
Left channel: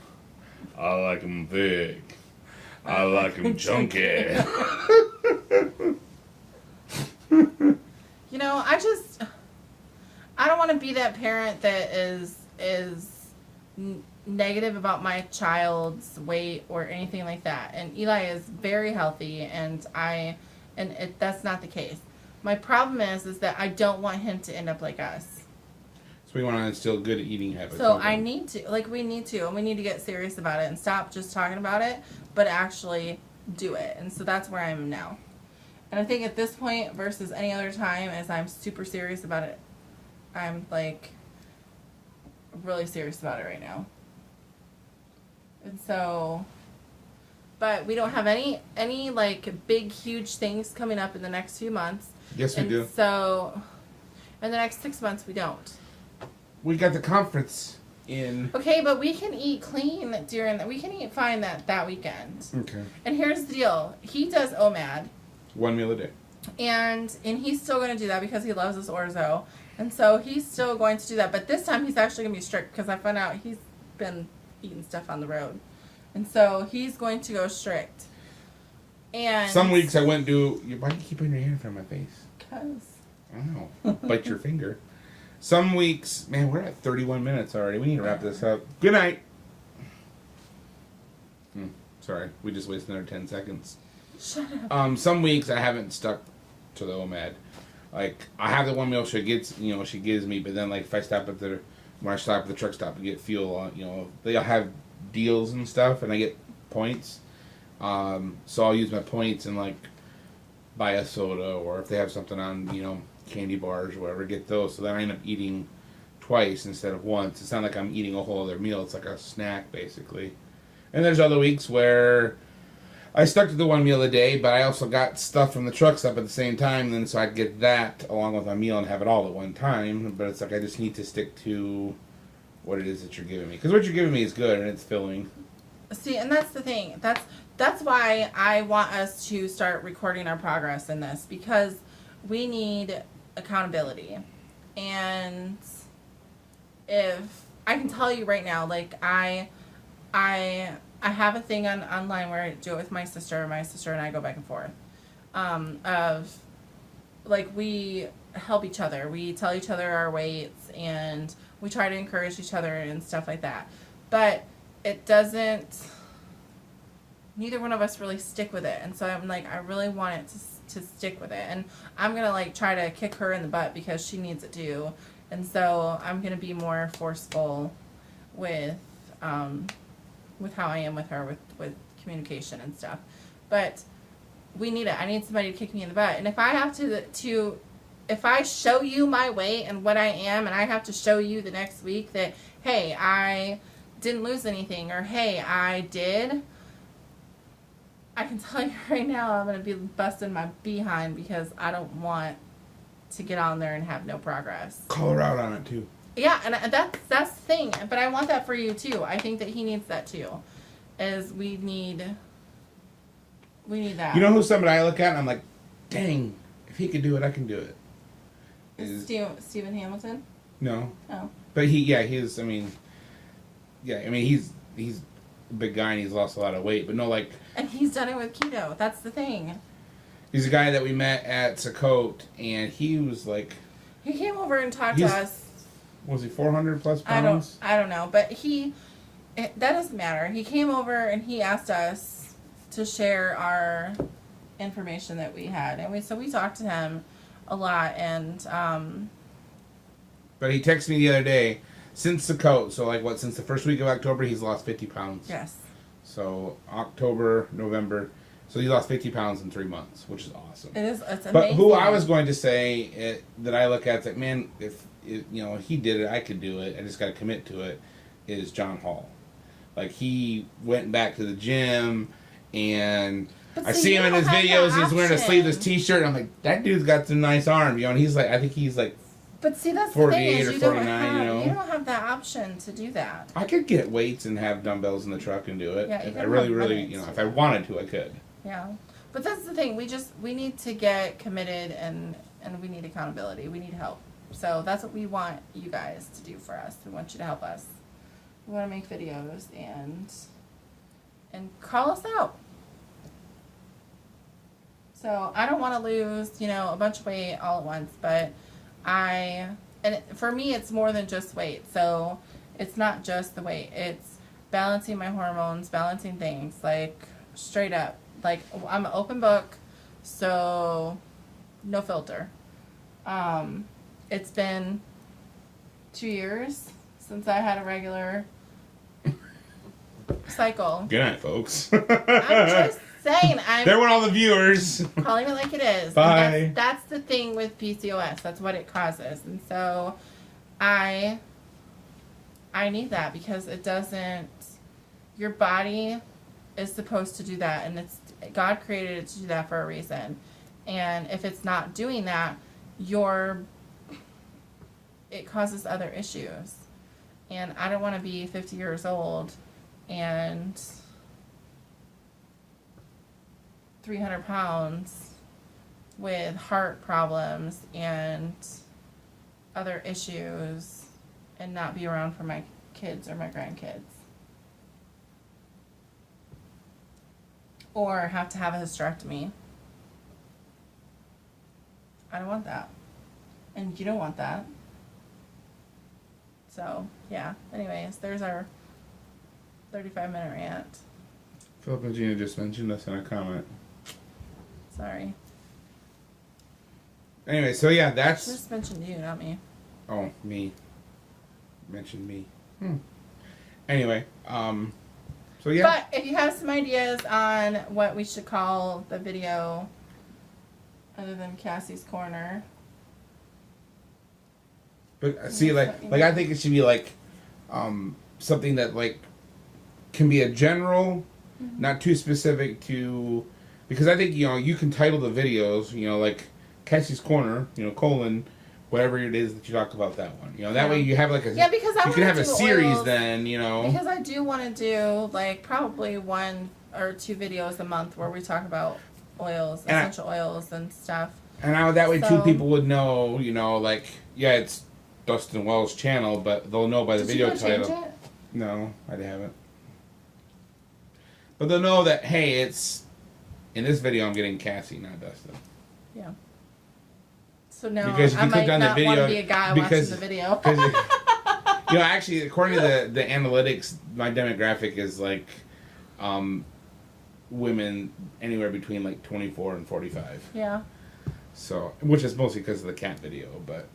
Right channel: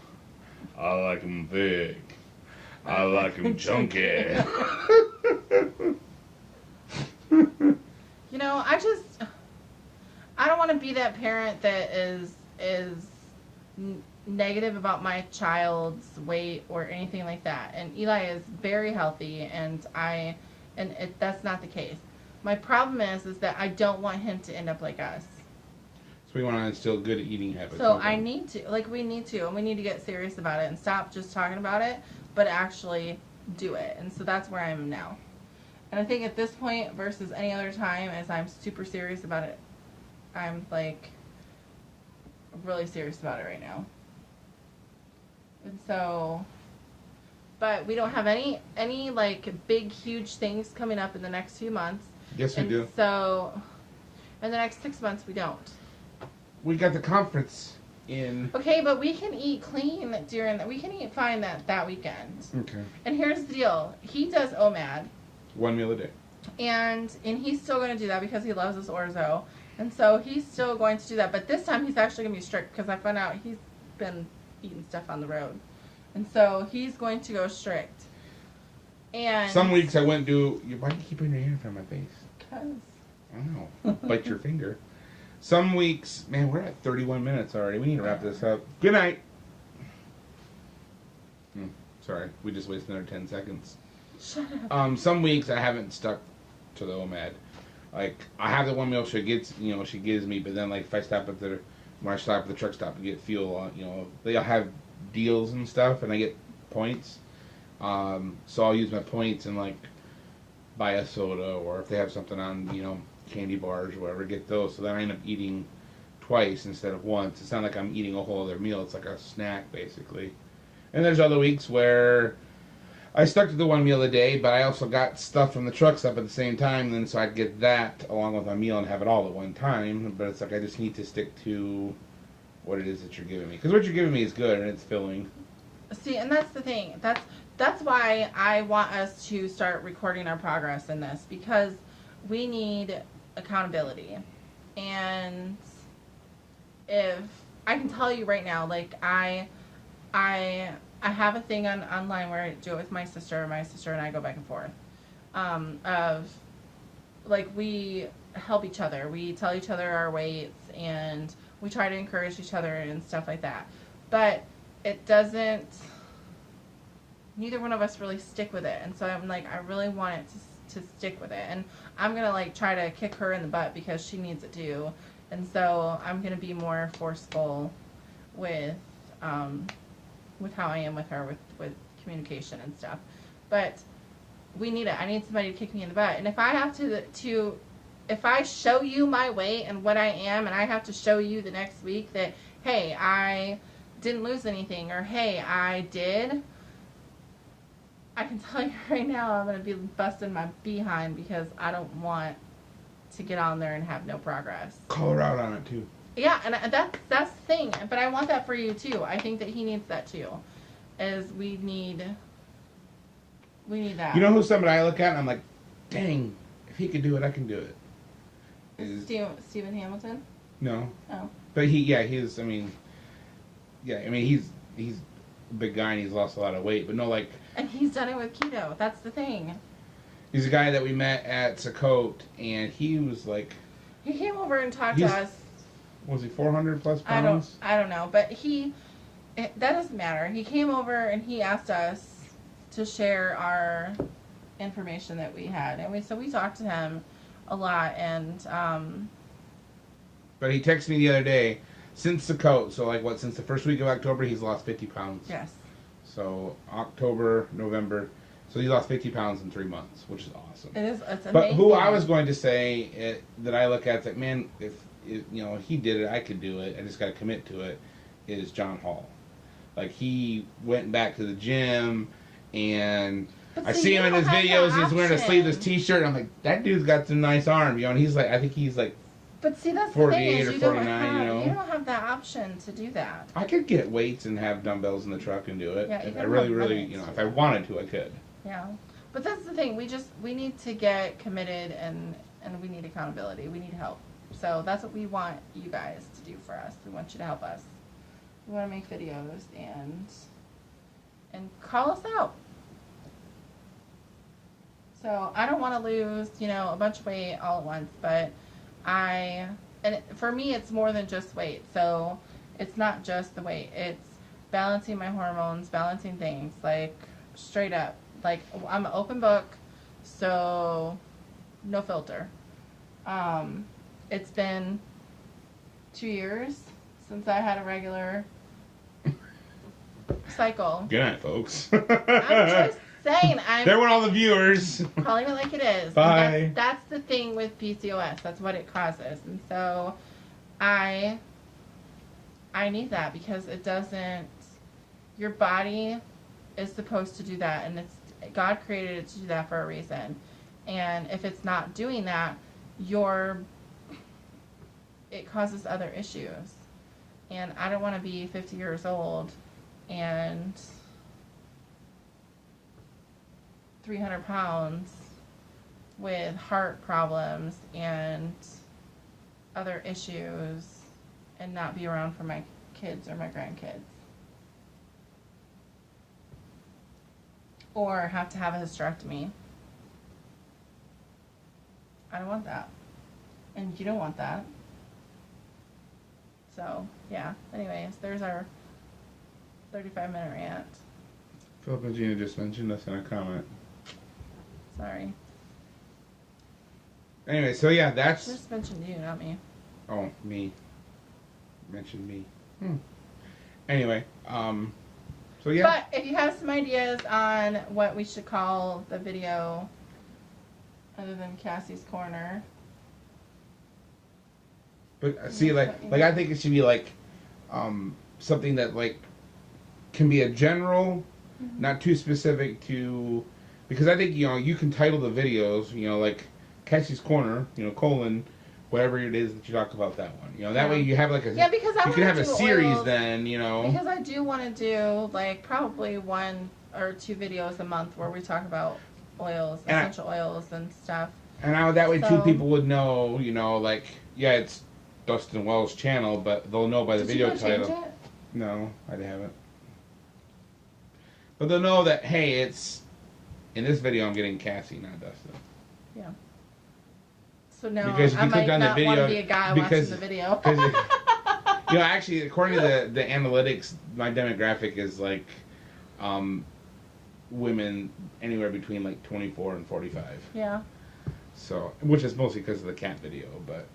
I like him big. I like him chunky. I don't want to be that parent that is negative about my child's weight or anything like that. And Eli is very healthy, and that's not the case. My problem is that I don't want him to end up like us. So we want to instill good eating habits. So I need to, we need to, and we need to get serious about it and stop just talking about it, but actually do it. And so that's where I am now. And I think at this point versus any other time, as I'm super serious about it, I'm really serious about it right now. And so, but we don't have any big, huge things coming up in the next few months. Yes, we do. So, in the next 6 months, we don't. We got the conference in. Okay, but we can eat clean we can eat fine that weekend. Okay. And here's the deal. He does OMAD. 1 meal a day. And he's still going to do that because he loves his orzo. And so he's still going to do that. But this time he's actually going to be strict because I found out he's been eating stuff on the road. And so he's going to go strict. And some weeks I went do. Why do you keep putting your hand in front of my face? Because. I don't know. Bite your finger. Some weeks, man, we're at 31 minutes already. We need to wrap this up. Good night. Sorry, we just wasted another 10 seconds. Shut up. Some weeks I haven't stuck to the OMAD. Like, I have the 1 meal she gives me, but then, if I stop at when I stop at the truck stop to get fuel, they'll have deals and stuff, and I get points. So I'll use my points and, buy a soda, or if they have something on, candy bars or whatever, get those. So then I end up eating twice instead of once. It's not like I'm eating a whole other meal. It's like a snack, basically. And there's other weeks where I stuck to the 1 meal a day, but I also got stuff from the truck stop at the same time, and so I'd get that along with my meal and have it all at one time. But it's I just need to stick to what it is that you're giving me. Because what you're giving me is good, and it's filling. See, and that's the thing. That's why I want us to start recording our progress in this, because we need accountability. And if I can tell you right now, I have a thing online where I do it with my sister. My sister and I go back and forth. We help each other. We tell each other our weights, and we try to encourage each other and stuff like that. But it doesn't. Neither one of us really stick with it, and so I'm I really want it to stick with it, and I'm gonna try to kick her in the butt because she needs it too, and so I'm gonna be more forceful with how I am with her with communication and stuff. But we need it. I need somebody to kick me in the butt, and if I have to if I show you my weight and what I am, and I have to show you the next week that, hey, I didn't lose anything, or hey, I did, I can tell you right now I'm going to be busting my behind because I don't want to get on there and have no progress. Call her out on it, too. Yeah, and that's the thing. But I want that for you, too. I think that he needs that, too. We need that. You know who somebody I look at and I'm like, dang, if he could do it, I can do it. Stephen Hamilton? No. Oh. But he's a big guy and he's lost a lot of weight. But no, And he's done it with keto. That's the thing. He's a guy that we met at Sakote, and he was He came over and talked to us. Was he 400 plus pounds? I don't know, but that doesn't matter. He came over and he asked us to share our information that we had, and we talked to him a lot, and But he texted me the other day, since Sakote, so since the first week of October, he's lost 50 pounds. Yes. So October, November, so he lost 50 pounds in 3 months, which is awesome. It is. It's amazing. But who I was going to say that I look at, man, if he did it, I could do it. I just got to commit to it. Is John Hall? He went back to the gym, and I see him in his videos. He's wearing a sleeveless T-shirt. And I'm like, that dude's got some nice arms, and he's I think he's But see, that's 48 the thing, is or you 49, don't have that option to do that. I could get weights and have dumbbells in the truck and do it. Yeah, If I really, if I wanted to, I could. Yeah. But that's the thing. We need to get committed, and we need accountability. We need help. So that's what we want you guys to do for us. We want you to help us. We want to make videos and call us out. So I don't want to lose, a bunch of weight all at once, but for me, it's more than just weight. So it's not just the weight. It's balancing my hormones, balancing things, straight up. I'm an open book, so no filter. It's been 2 years since I had a regular cycle. Good night, folks. I'm just saying. There went all the viewers. Calling it like it is. Bye. And that's the thing with PCOS. That's what it causes. And so I need that because it doesn't. Your body is supposed to do that, and God created it to do that for a reason. And if it's not doing that, it causes other issues. And I don't want to be 50 years old and 300 pounds with heart problems and other issues and not be around for my kids or my grandkids. Or have to have a hysterectomy. I don't want that. And you don't want that. So, yeah. Anyways, there's our 35-minute rant. Philip and Gina just mentioned us in a comment. Sorry. Anyway, so yeah, that's... Just mentioned you, not me. Oh, me. Mentioned me. Anyway, so yeah. But if you have some ideas on what we should call the video other than Cassie's Corner. But see, like I think it should be like something that like can be a general, not too specific to, because I think you can title the videos like Cassie's Corner, colon, whatever it is that you talk about that one. That way you have like a because I you can have a series oils, then. Because I do want to do like probably 1 or 2 videos a month where we talk about oils, essential oils and stuff. And that way too people would know, like it's Dustin Wells' channel, but they'll know by the video title. Change it? No, I haven't. But they'll know that, hey, it's... In this video, I'm getting Cassie, not Dustin. Yeah. So now because I might not want to be a guy watching the video. Actually, according to the analytics, my demographic is like women anywhere between like 24 and 45. Yeah. So, which is mostly because of the cat video, but...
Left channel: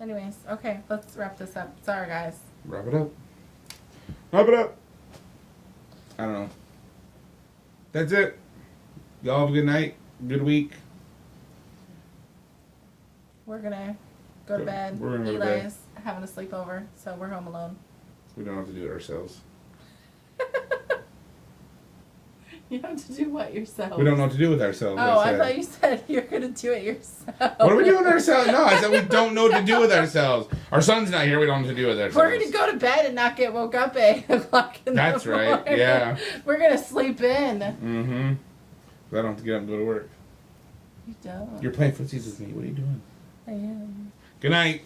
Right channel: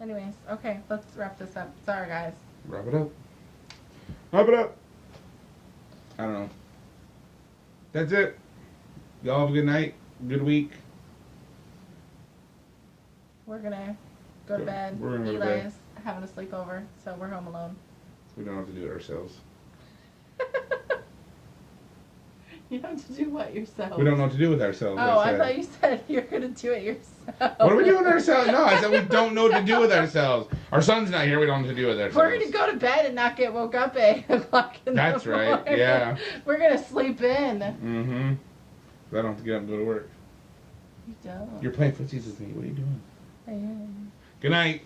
Anyways, okay, let's wrap this up. Sorry, guys. Wrap it up. Wrap it up. I don't know. That's it. Y'all have a good night. Good week. We're gonna go to bed. We're gonna go to Eli's bed. having a sleepover, so we're home alone. We don't have to do it ourselves. You have to do what yourself? We don't know what to do with ourselves. Oh, I thought you said you're gonna do it yourself. What are we doing ourselves? No, I said we don't know what to do with ourselves. Our son's not here. We don't know what to do with ourselves. We're gonna go to bed and not get woke up at 8 o'clock in the morning. That's right. Yeah. We're gonna sleep in. Mm-hmm. I don't have to get up and go to work. You don't. You're playing footsies with me. What are you doing? I am. Good night.